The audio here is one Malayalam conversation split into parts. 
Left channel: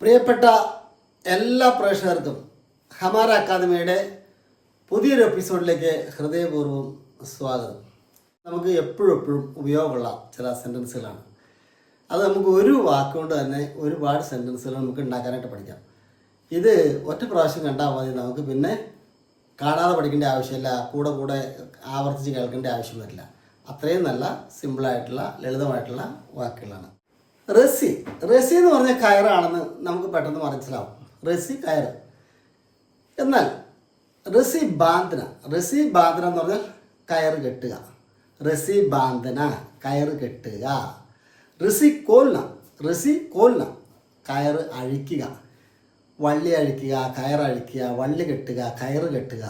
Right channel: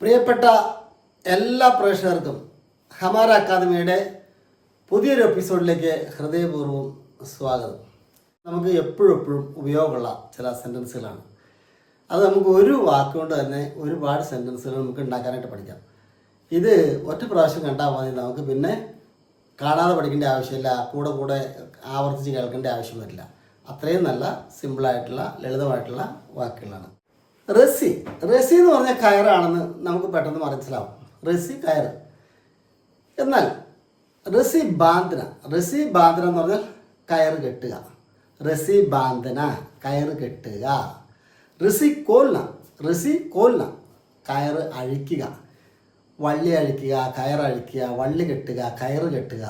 പ്രിയപ്പെട്ട എല്ലാ പ്രേക്ഷകർക്കും ഹമാര അക്കാദമിയുടെ പുതിയൊരു എപ്പിസോഡിലേക്ക് ഹൃദയപൂർവം സ്വാഗതം. നമുക്ക് എപ്പോഴും എപ്പോഴും ഉപയോഗമുള്ള ചില സെന്റൻസുകളാണ് അത് നമുക്ക് ഒരു വാക്കുകൊണ്ട് തന്നെ ഒരുപാട് സെന്റൻസുകൾ നമുക്ക് ഉണ്ടാക്കാനായിട്ട് പഠിക്കാം. ഇത് ഒറ്റ പ്രാവശ്യം കണ്ടാൽ മതി. നമുക്ക് പിന്നെ കാണാതെ പഠിക്കേണ്ട ആവശ്യമില്ല. കൂടെ കൂടെ ആവർത്തിച്ച് കേൾക്കേണ്ട ആവശ്യം വരില്ല. അത്രയും നല്ല സിമ്പിളായിട്ടുള്ള ലളിതമായിട്ടുള്ള വാക്കുകളാണ്. റസി. റസി എന്ന് പറഞ്ഞ കയറാണെന്ന് നമുക്ക് പെട്ടെന്ന് മനസ്സിലാവും. റസി കയർ. എന്നാൽ റസി ബാന്ധന റസി ബാന്ധന എന്ന് പറഞ്ഞാൽ കയർ കെട്ടുക. റസി ബാന്ധന കയർ കെട്ടുക. റസി കോൽന. റസി കോൽന. കയർ അഴിക്കുക. വള്ളി അഴിക്കുക കയർ അഴിക്കുക വള്ളി കെട്ടുക കയർ കെട്ടുക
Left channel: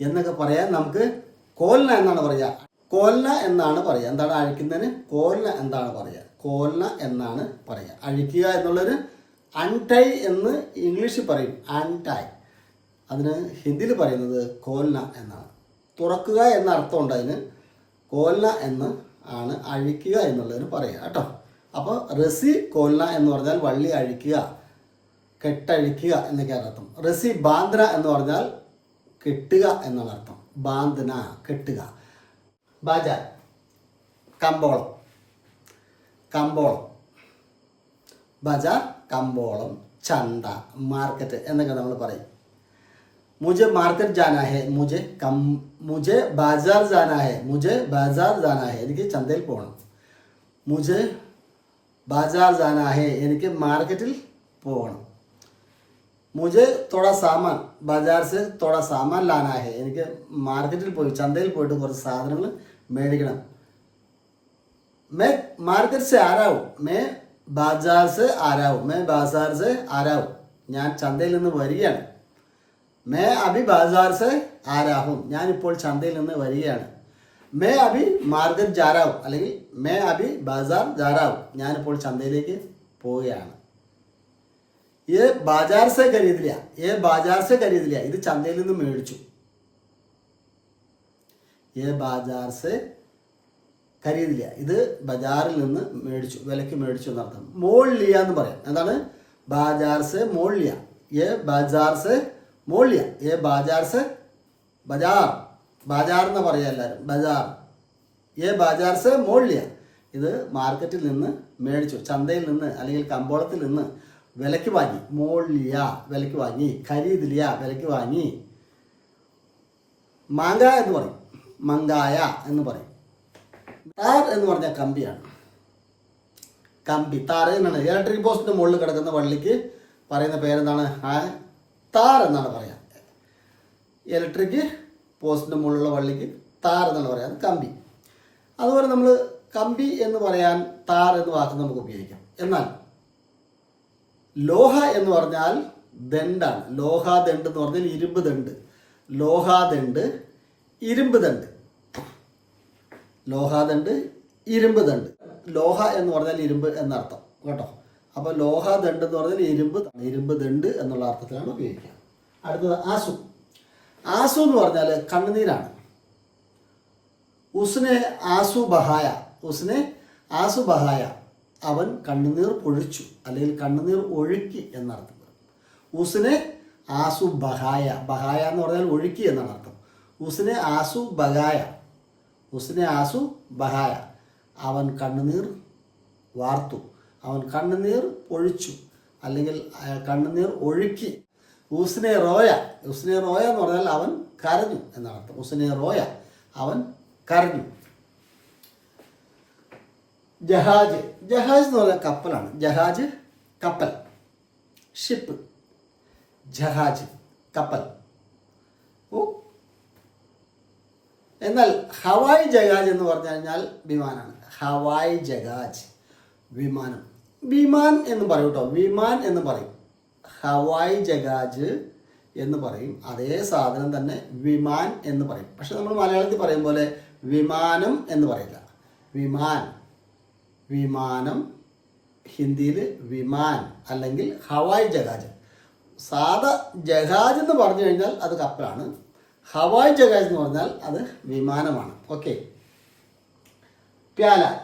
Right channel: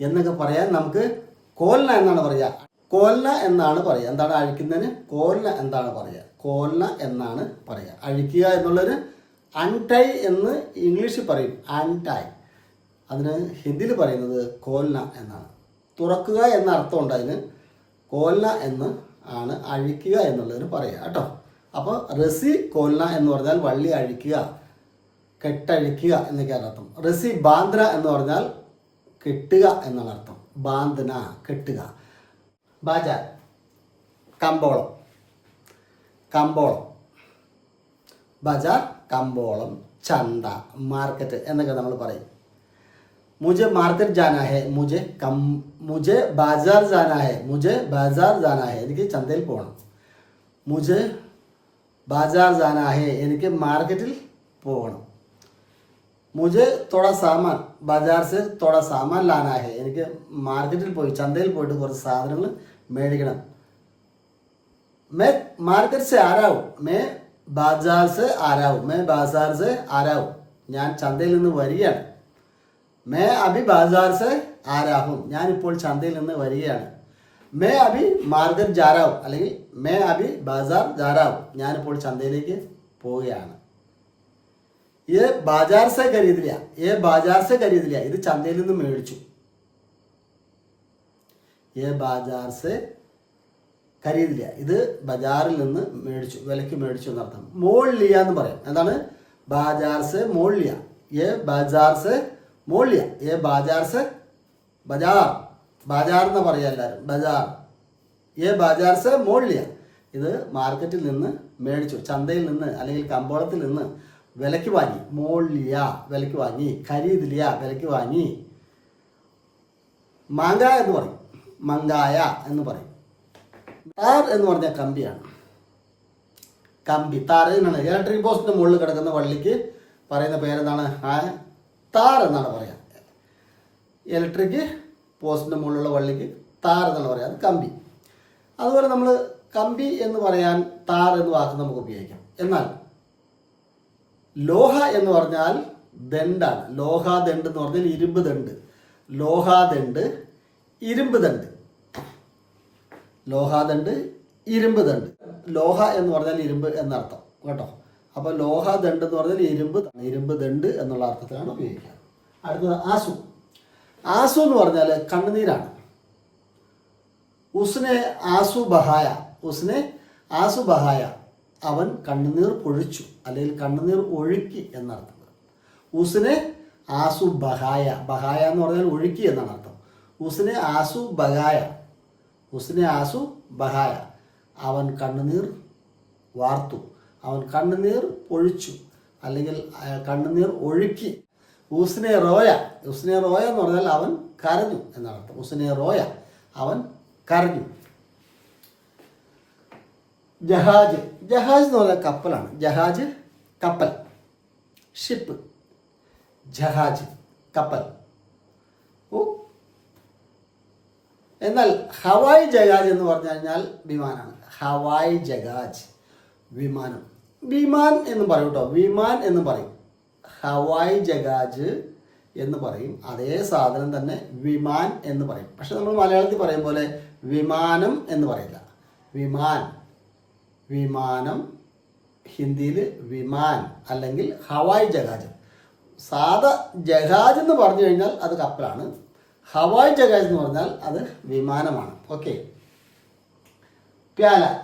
എന്നൊക്കെ പറയാൻ നമുക്ക് കോൽന എന്നാണ് പറയുക. കോൽന എന്നാണ് പറയുക. എന്താണ് അഴിക്കുന്നതിന്? കോൽന എന്താണ് പറയുക. കോൽന എന്നാണ് പറയുക. അഴിക്കുക എന്നുള്ളൊരു അൺടൈ എന്ന് ഇംഗ്ലീഷിൽ പറയും. അൺടൈ. അതിന് ഹിന്ദിയിൽ പറയുന്നത് കോൽന എന്നാണ്. തുറക്കുക എന്ന അർത്ഥമുണ്ട് അതിന്. കോൽന എന്ന് ആണ് അഴിക്കുക എന്നുള്ളതിന് പറയുക. കേട്ടോ. അപ്പോൾ റസി കോൽന എന്ന് പറഞ്ഞാൽ വള്ളി അഴിക്കുക കെട്ടഴിക്കുക എന്നൊക്കെയാണ് അർത്ഥം. റസി ബാന്ദ്ര എന്ന് പറഞ്ഞാൽ കെട്ടുക എന്നാണ് അർത്ഥം. ബാന്ദ്ന കെട്ടുക. ബജ കമ്പോളം കമ്പോളം ബജ കമ്പോളം ചന്ത മാർക്കറ്റ് എന്നൊക്കെ നമ്മൾ പറയും. മുജെ മാർക്കറ്റ് ജാനാ ഹെ മുജെ കം മുജെ ബാജാർ ജാനാ ഹെ മുജെ ബാജാർ ജാനാ ഹെ എനിക്ക് ചന്തയിൽ പോകണം മുജെ ബാജാർ ജാനാ ഹെ എനിക്ക് മാർക്കറ്റിൽ പോകണം മുജെ തുട സാമാൻ ബജാർസ് തുട സാമാൻ ലാനാഹെ എനിക്ക് മാർക്കറ്റിൽ പോയി ചന്തയിൽ പോയിട്ട് കുറച്ച് സാധനങ്ങൾ മേടിക്കണം. മേ മാർക്കറ്റ് ആരാവും മേ ബാജാർസ് ആരാവും മേ ബാസാർസ് ആരാവും ഞാൻ ചന്തയിൽ നിന്ന് വരികയാണ്. മേ അഭി ബാജാർസ് ആരാഹും ഞാനിപ്പോൾ ചന്തയിൽ നിന്ന് വരികയാണ്. മേ അഭി മാർഗർ ജാറാവും അല്ലെങ്കിൽ മേ അഭി ബാസാർ ജാറാവും ഞാനിപ്പോൾ ചന്തയിലേക്ക് പോവുകയാണ്. ഇത് ബാജാർ സെ ഖരീദില്ല ഏ ബാജാർ സെ ഖരീദില്ല ഇത് ചന്തയിൽ നിന്ന് മേടിച്ചു. ഏ ബാജാർ സെ ഖരീദില്ല ഇത് ബജാറിൽ നിന്ന് മേടിച്ചു. വിലക്ക് മേടിച്ചു എന്നർത്ഥം. മോളിയ എന്ന് പറയാം. എന്താണ്? ബാജാർ സെ മോൾ ലിയ. ഏ ബാജാർ സെ മോൾ ലിയ. ഏ ബാജാർ സെ ബജാർ. ബാജാർ എന്ന് പറയാം എല്ലാവരും ബജാർ. ഏ ബാജാർ സെ മോൾ ലിയ. ഇത് മാർക്കറ്റിൽ നിന്ന് മേടിച്ചു. ചന്തയിൽ നിന്ന് അല്ലെങ്കിൽ കമ്പോളത്തിൽ നിന്ന് വിലക്ക് വാങ്ങി. മോളിയ വിലക്ക് വാങ്ങി. ഖരീദിലിയ വിലക്ക് വാങ്ങി. മാങ്ക എന്ന് പറയും. മങ്കായ എന്ന് പറയും. താർ എന്ന് പറഞ്ഞാൽ കമ്പിയാണ്. കമ്പി. താർ എന്നാണ്. ഇലക്ട്രിക് പോസ്റ്റിന് മുകളിൽ കിടക്കുന്ന വള്ളിക്ക് പറയുന്ന പേരെന്താണ്? താർ എന്നാണ് പറയാ. ഇലക്ട്രിക് പോസ്റ്റിന് മുകളിലുള്ള വള്ളിക്ക് താർ എന്നാണ് പറയാ. അത് കമ്പി. അതുപോലെ നമ്മൾ കമ്പി എന്ന് പറയാൻ താർ എന്ന് വാക്ക് നമുക്ക് ഉപയോഗിക്കാം. എന്നാൽ ലോഹ എന്ന് പറഞ്ഞാൽ ദണ്ടാണ് ലോഹാദണ്ട് എന്ന് പറഞ്ഞാൽ ഇരുമ്പ് ദണ്ട് ലോഹാദണ്ട് ഇരുമ്പ് ദണ്ട് ലോഹാദണ്ട് ഇരുമ്പ് ദണ്ട് ലോഹ എന്ന് പറഞ്ഞാൽ ഇരുമ്പ് എന്നർത്ഥം. കേട്ടോ? അപ്പോൾ ലോഹ ദണ്ട് എന്ന് പറഞ്ഞാൽ ഇരുമ്പ് ഇരുമ്പ് ദണ്ട് എന്നുള്ള അർത്ഥത്തിലാണ് ഉപയോഗിക്കുക. അടുത്തത് ആസു. ആസു എന്ന് പറഞ്ഞാൽ കണ്ണുനീരാണ്. ഉസ്നെ ആസു ബഹായ. ഉസ്നെ ആസു ബഹായ. അവൻ കണ്ണുനീർ പൊഴിച്ചു അല്ലെങ്കിൽ കണ്ണുനീർ ഒഴുക്കി എന്നർത്ഥം. ഉസിനെ ആസു ബഹായ ബഹായ എന്ന് പറഞ്ഞാൽ ഒഴുക്കി എന്നാണ് അർത്ഥം. ഉസ്നെ ആസു ബഹായ ഉസ്നെ ആസു ബഹായ അവൻ കണ്ണുനീർ വാർത്തു അവൻ കണ്ണുനീർ ഒഴിച്ചു അല്ലെങ്കിൽ കണ്ണുനീർ ഒഴുക്കി. ഉസ്നെ റോയ ഉസ്നെ റോയ എന്ന് പറഞ്ഞാൽ അവൻ കരഞ്ഞു എന്നാണ് അർത്ഥം. ഉസ്നെ റോയ അവൻ കരഞ്ഞു. ജഹാജ്. ജഹാജ് എന്ന് പറഞ്ഞാൽ കപ്പലാണ്. ജഹാജ് കപ്പൽ. ഷിപ്പ് ജഹാജ് കപ്പൽ. ഓ. എന്നാൽ ഹവായ് ജഹാജ് എന്ന് പറഞ്ഞു കഴിഞ്ഞാൽ വിമാനമാണ്. ഹവായ് ജഹാജ്. വിമാനം. വിമാൻ എന്ന് പറയും കേട്ടോ. വിമാൻ എന്ന് പറയും. ഹവായ് ജഹാജ് എന്ന് പറയും. അതേ സാധനം തന്നെ വിമാൻ എന്ന് പറയും. പക്ഷെ നമ്മൾ മലയാളത്തിൽ പറയും പോലെ വിമാനം എന്ന് പറയില്ല. വിമാൻ. വിമാനം ഹിന്ദിയിൽ വിമാൻ അല്ലെങ്കിൽ ഹവായ് ജഹാജ്. സാധാ ജഹാജ് എന്ന് പറഞ്ഞു കഴിഞ്ഞാൽ അത് കപ്പലാണ്. ഹവായ് ജഹാജ് എന്ന് പറഞ്ഞാൽ അത് വിമാനമാണ്. ഓക്കെ. പ്യാല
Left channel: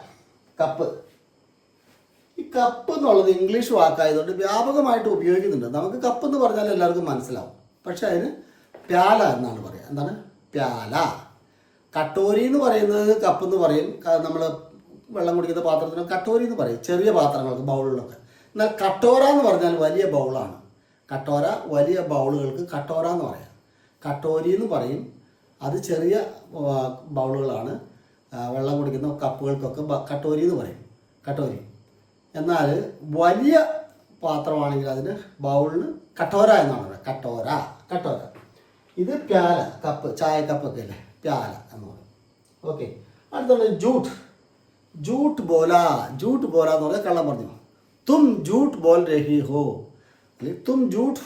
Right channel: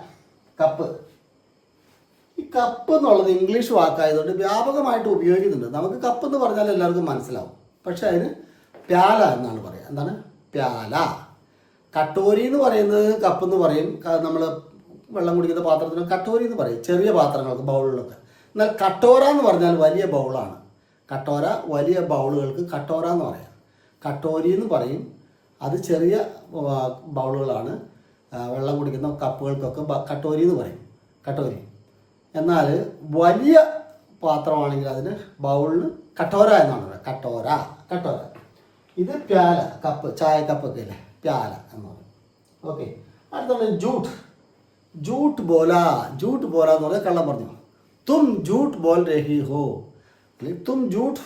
കപ്പ്. ഈ കപ്പ് എന്നുള്ളത് ഇംഗ്ലീഷ് വാക്കായതുകൊണ്ട് വ്യാപകമായിട്ട് ഉപയോഗിക്കുന്നുണ്ട്. നമുക്ക് കപ്പ് എന്ന് പറഞ്ഞാൽ എല്ലാവർക്കും മനസ്സിലാവും. പക്ഷെ അതിന് പ്യാല എന്നാണ് പറയുക. എന്താണ്? പ്യാല കട്ടോരി എന്ന് പറയുന്നത് കപ്പ് എന്ന് പറയും. നമ്മൾ വെള്ളം കുടിക്കുന്ന പാത്രത്തിന് കട്ടോരി എന്ന് പറയും. ചെറിയ പാത്രങ്ങൾക്ക് ബൗളുകളൊക്കെ. എന്നാൽ കട്ടോര എന്ന് പറഞ്ഞാൽ വലിയ ബൗളാണ്. കട്ടോര വലിയ ബൗളുകൾക്ക് കട്ടോര എന്ന് പറയാം. കട്ടോരി എന്ന് പറയും. അത് ചെറിയ ബൗളുകളാണ്. വെള്ളം കുടിക്കുന്ന കപ്പുകൾക്കൊക്കെ കട്ടോരി എന്ന് പറയും. കട്ടോരി. എന്നാൽ വലിയ പാത്രമാണെങ്കിൽ അതിന് ബൗളിന് കട്ടോര എന്നാണ് പറയുക. കട്ടോര കട്ടോര. ഇത് പ്യാല കപ്പ് ചായ കപ്പൊക്കെ അല്ലേ? പ്യാല എന്ന് പറയും. ഓക്കെ. അടുത്താണ് ജൂട്ട്. ജൂട്ട് ബോല ജൂട്ട് ബോല എന്ന് പറഞ്ഞാൽ കള്ളം പറഞ്ഞു. തും ജൂട്ട് ബോൽ രഹി ഹോ. അല്ലെങ്കിൽ തും ജൂട്ട്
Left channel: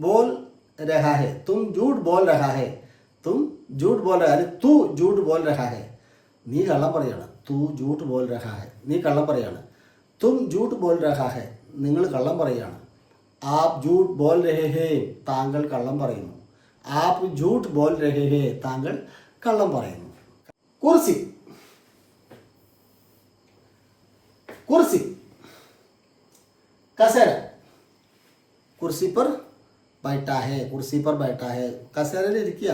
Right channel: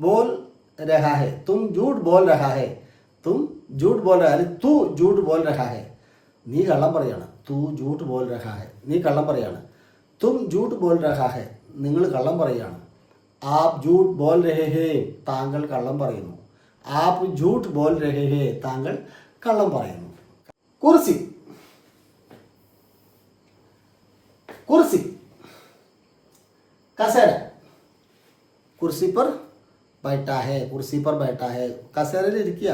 ബോൽ രഹാ ഹെ. തും ജൂട്ട് ബോൽ രഹാ ഹെ. തും ജൂട്ട് ബോൽ രഹാ അല്ലെങ്കിൽ തു ജൂട്ട് ബോൽ രഹാ ഹെ. നീ കള്ളം പറയാണ്. തു ജൂട്ട് ബോൽ രഹാ ഹെ. നീ കള്ളം പറയാണ്. തും ജൂട്ട് ബോൽ രഹാ ഹെ. നിങ്ങൾ കള്ളം പറയാണ്. ആപ് ജൂട്ട് ബോൽ രഹേ ഹേ. താങ്കൾ കള്ളം പറയുന്നു. ആപ് ജൂട്ട് ബോൽ രഹേ ഹേ. താങ്കൾ കള്ളം പറയുന്നു. കുർസി. കുർസി കസേര കുർസി पर बैठा है കുർസി पर बैठा है കസേരയിൽ ഇരിക്കുക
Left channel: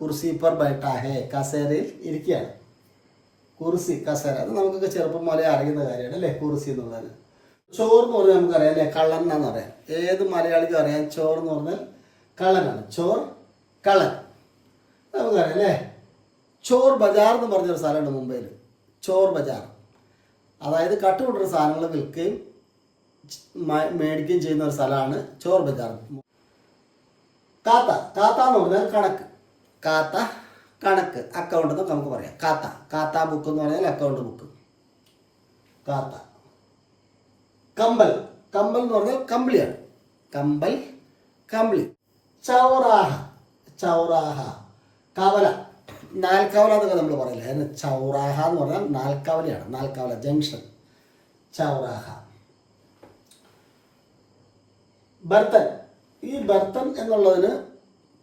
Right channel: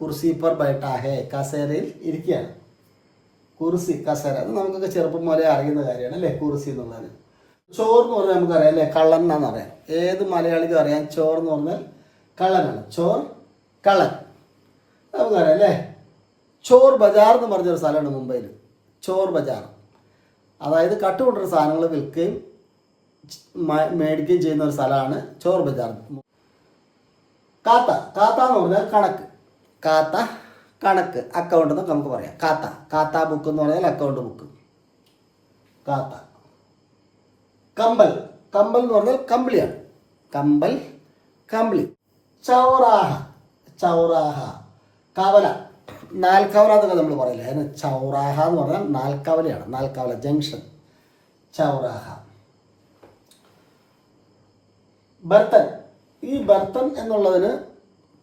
കുർസി पर बैठा है കസേരയിൽ ഇരിക്കുകയാണ് കുർസി കസേര അത് നമുക്കൊക്കെ ചെറുപ്പം മുതലേ അറിയുന്ന കാര്യമാണ് അല്ലേ കുർസി എന്നുള്ളത് ചോറ് എന്ന് പറഞ്ഞാൽ നമുക്കറിയാം അല്ലേ കള്ളൻ എന്നാണ് അറിയാം ഏത് മലയാളിക്കും അറിയാം ചോറ് എന്ന് പറഞ്ഞാൽ കള്ളനാണ് ചോർ കള്ളൻ നമുക്കറിയാം അല്ലേ ചോർ ബജാർ എന്ന് പറഞ്ഞൊരു സ്ഥലമുണ്ട് മുംബൈയിൽ ചോർ ബജാർ അതായത് കട്ട് കൊണ്ടുള്ള സാധനങ്ങൾ വിൽക്കുകയും മേടിക്കുകയും ചെയ്യുന്ന ഒരു സ്ഥലമാണ് ചോർ ബജാർ കാത്ത കാത്ത എന്ന് പറഞ്ഞാൽ കണക്ക്. കാത്ത കണക്ക് അക്കൗണ്ട് എന്നൊക്കെ നമുക്ക് പറയാം. കാത്ത കാത്ത ബുക്ക് എന്ന് പറഞ്ഞാൽ അക്കൗണ്ട് ബുക്ക് കാത്ത. കമ്പൽ കമ്പൽ എന്ന് പറഞ്ഞാൽ കമ്പിളിയാണ്. കമ്പൽ കമ്പിളി. ചൗറാഹ ചൗറാഹ. കവല. നാൽക്കവല എന്നൊക്കെ നമ്മൾ പറയില്ല. അതിന് ചൗറാഹ എന്ന് പറഞ്ഞാൽ നാൽക്കവലയാണ്. നാൽക്കവല ജംഗ്ഷൻ. ചൗറാഹ. ബർത്തൻ. ഈ ബർത്തൻ എന്നുള്ളതിന്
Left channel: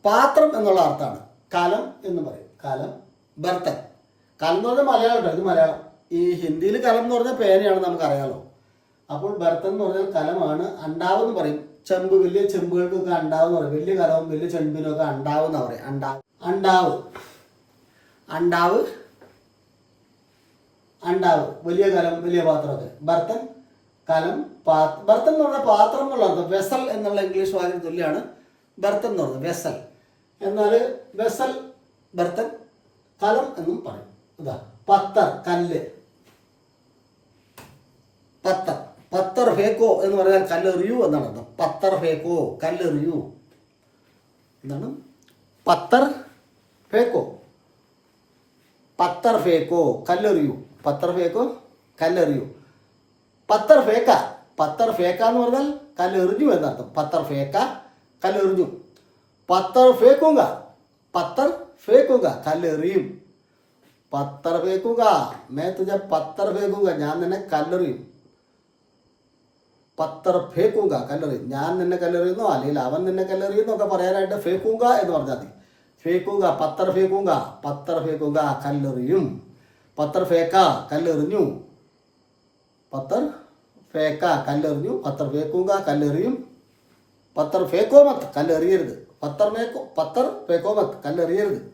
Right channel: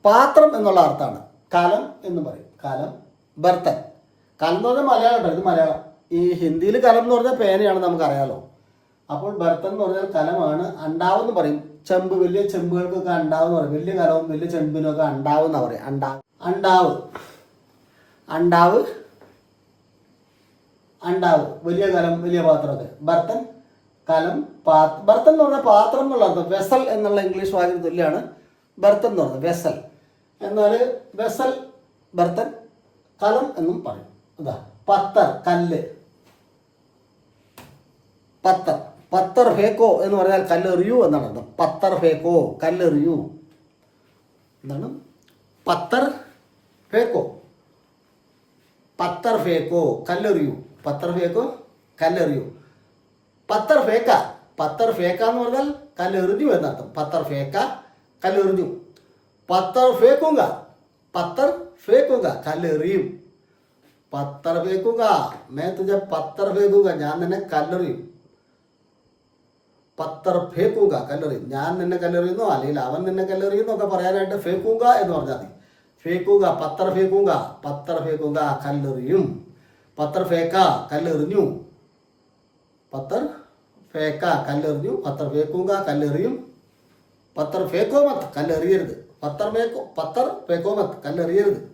പാത്രം എന്നുള്ള അർത്ഥമാണ്. കലം എന്ന് പറയും. കലം ബർത്തൻ. കലം എന്ന് പറഞ്ഞാൽ മലയാളം ഇത് മലയാളം. ഈ ഹിന്ദിയിൽ കലം എന്ന് പറഞ്ഞാൽ പേനയാണ് നമുക്കറിയാലോ. അപ്പോൾ ബർത്തൻ എന്ന് പറഞ്ഞാൽ കലമാണ്. അണ്ടാവെന്ന് പറയും. ചെമ്പ് വലിയ ചെമ്പുകൾക്കൊക്കെ അണ്ടാവ് എന്ന് പറയും. വലിയ കലവും വലിയ ചെമ്പിനൊക്കെ അണ്ടാവ് എന്നാ പറയും. അണ്ടാവ് അണ്ടാവ്. അണ്ടാവ് അണ്ടാവ് വലിയ കലം വലിയ പാത്രമൊക്കെ ബർത്തൻ കലം പാ- ബർത്തൻ എന്ന് പറഞ്ഞാൽ പാത്രം എന്നുള്ള അർത്ഥം വെസൽ എന്നുള്ള ഇംഗ്ലീഷ് വാക്കിന് തുല്യമാണ് ബർത്തൻ എന്ന് പറഞ്ഞത്. വെസൽ. എന്നാൽ വെസൽ ബർത്തൻ കലം എന്നും പറയും. അതാ പത്തർ കല്ല്. പത്തർ. പത്തർ ഹേക്കോ എന്ന് പറഞ്ഞാൽ കല്ലെറിയൂ എന്നാണ് അർത്ഥം. പത്തർ ഹേക്കോ കല്ലെറിയൂ. എന്താണ്? പത്തർ ഫേക്കോ പത്തർ ഫേക്കോ കല്ലെറിയൂ. പത്തർ ഫേക്കോ കല്ലെറിയൂ. പത്തർ ഫേക്ക പത്തർ ഫേക്ക എന്ന് പറഞ്ഞാൽ കല്ലെറിഞ്ഞു എന്നർത്ഥം പത്തർ ഫേക്ക കല്ലെറിഞ്ഞു. പത്തർ ഫേക്കുക പത്തർ ഫേക്കുക കല്ലെറിയും. പത്തർ ഫേക്കുക മേ തുജ പത്തർ ഫേക്കുക ഞാൻ നിന്നെ കല്ലെറിയും. പത്തർ ഫേക്കുക കല്ലെറിയും. ഞാൻ നിന്നെ കല്ലെറിയുന്നോ അല്ലെങ്കിൽ അവൻ നിന്നെ കല്ലെറിയുന്നോ ഒക്കെ പറയാനായിട്ട് ഫേക്കുക എന്ന് പറഞ്ഞാൽ മതി. ഫേക്കുങ്ക പത്തർ ഫേക്കുക പത്തർ ഫേക്കുക കല്ലെറിയും. പത്തർ ഫേക്ക കല്ലെറിഞ്ഞു. പത്തർ ഫേക്ക കല്ലെറിഞ്ഞു പത്തർ ഫേക്കുക കല്ലെറിയും. പത്തർ ഫേക്കോ മത്ത് കല്ലെറിയരുത്. പത്തർ മേക്കോ പത്തർ ഫേക്കോ മത്ത് കല്ലെറിയരുത്.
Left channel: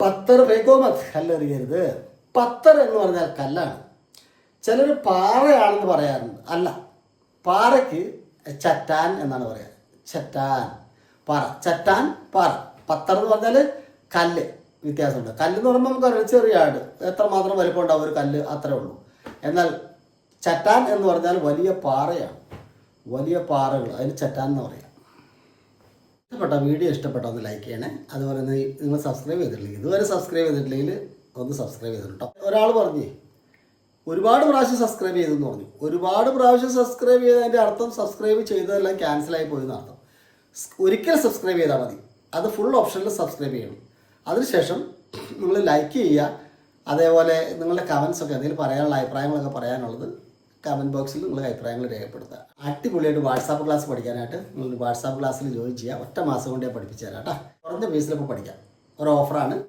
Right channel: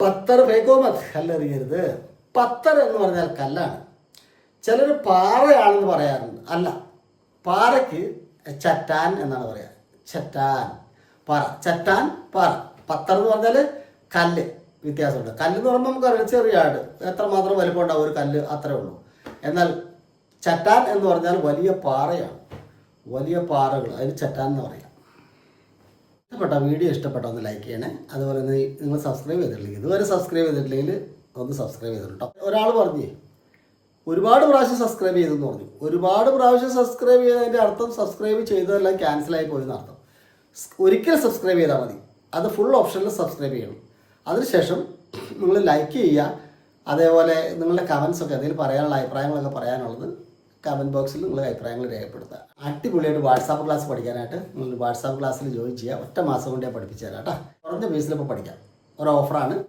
പത്തർ ഫേക്കോ മത്ത് കല്ലെറിയരുത്. പത്തർ എന്ന് പറഞ്ഞാൽ കല്ലാണ്. ചിലർ പാറയാണെന്ന് പറയാറുണ്ട്. അല്ല പാറയ്ക്ക് ചറ്റാൻ എന്നാണ് പറയാറ്. ചറ്റാൻ പാറ. ചറ്റാൻ പാറ. പത്തർ എന്ന് പറഞ്ഞാൽ കല്ല് വ്യത്യാസമുണ്ട്. കല്ല് എന്ന് പറയുമ്പോൾ നമുക്കറിയാം ചെറിയ ആട്. എത്രമാത്രം വലിപ്പം ഉണ്ടാവും ഒരു കല്ല് അത്രേ ഉള്ളൂ. എന്നാൽ ചറ്റാൻ എന്ന് പറഞ്ഞാൽ വലിയ പാറയാണ്. വലിയ പാറകൾ അതിന് ചറ്റാൻ എന്ന് പറയാം. ഇഷ്ടപ്പെട്ട വീഡിയോ ഇഷ്ടപ്പെട്ട ഒന്ന് ലൈക്ക് ചെയ്യണേ. അതുപോലെ തന്നെ നിങ്ങൾ സബ്സ്ക്രൈബ് ചെയ്തിട്ടില്ലെങ്കിൽ ഇതുവരെ സബ്സ്ക്രൈബ് ചെയ്തിട്ടില്ലെങ്കിൽ ഒന്ന് സബ്സ്ക്രൈബ് ചെയ്തിട്ടോ ഒരാൾ പറഞ്ഞേ ഒരുപാട് പ്രാവശ്യം സബ്സ്ക്രൈബ് ചെയ്തെന്ന് പറഞ്ഞു. ഒരുപാട് പ്രാവശ്യം സബ്സ്ക്രൈബ് ചെയ്തതിന്റെ അർത്ഥം സബ്സ്ക്രൈബ് ചെയ്തതെല്ലാം ക്യാൻസലായി പോയെന്ന് ഒരിക്കലും ഒരിക്കൽ സബ്സ്ക്രൈബ് ചെയ്താൽ മതി. അത് ഫുൾ ഓപ്ഷനിൽ സബ്സ്ക്രൈബ് ചെയ്യണം. അതിനുശേഷം നിങ്ങൾ ലൈക്ക് ചെയ്യുക. അതേപോലെ നിങ്ങളുടെ കമൻസ് ഒക്കെ എന്തെങ്കിലും പറയാനുള്ള അഭിപ്രായങ്ങളൊക്കെ പറയാനുള്ളത് കമന്റ് ബോക്സിൽ നിങ്ങളുടെ അഭിപ്രായങ്ങൾ രേഖപ്പെടുത്തുക. അടിപൊളിയായിട്ട് വാട്സാപ്പ് ക്ലാസ് പഠിക്കാനായിട്ട് നിങ്ങൾ വാട്സാപ്പ് ക്ലാസ്സിൽ ജോയിൻ ചെയ്യുക. ഒറ്റ മാസം കൊണ്ടേ പഠിപ്പിച്ചു തരാം കേട്ടോ. കുറഞ്ഞ ഫീസിൽ ഇപ്പോൾ പഠിക്കാം. ഒരു ഓഫറാണ്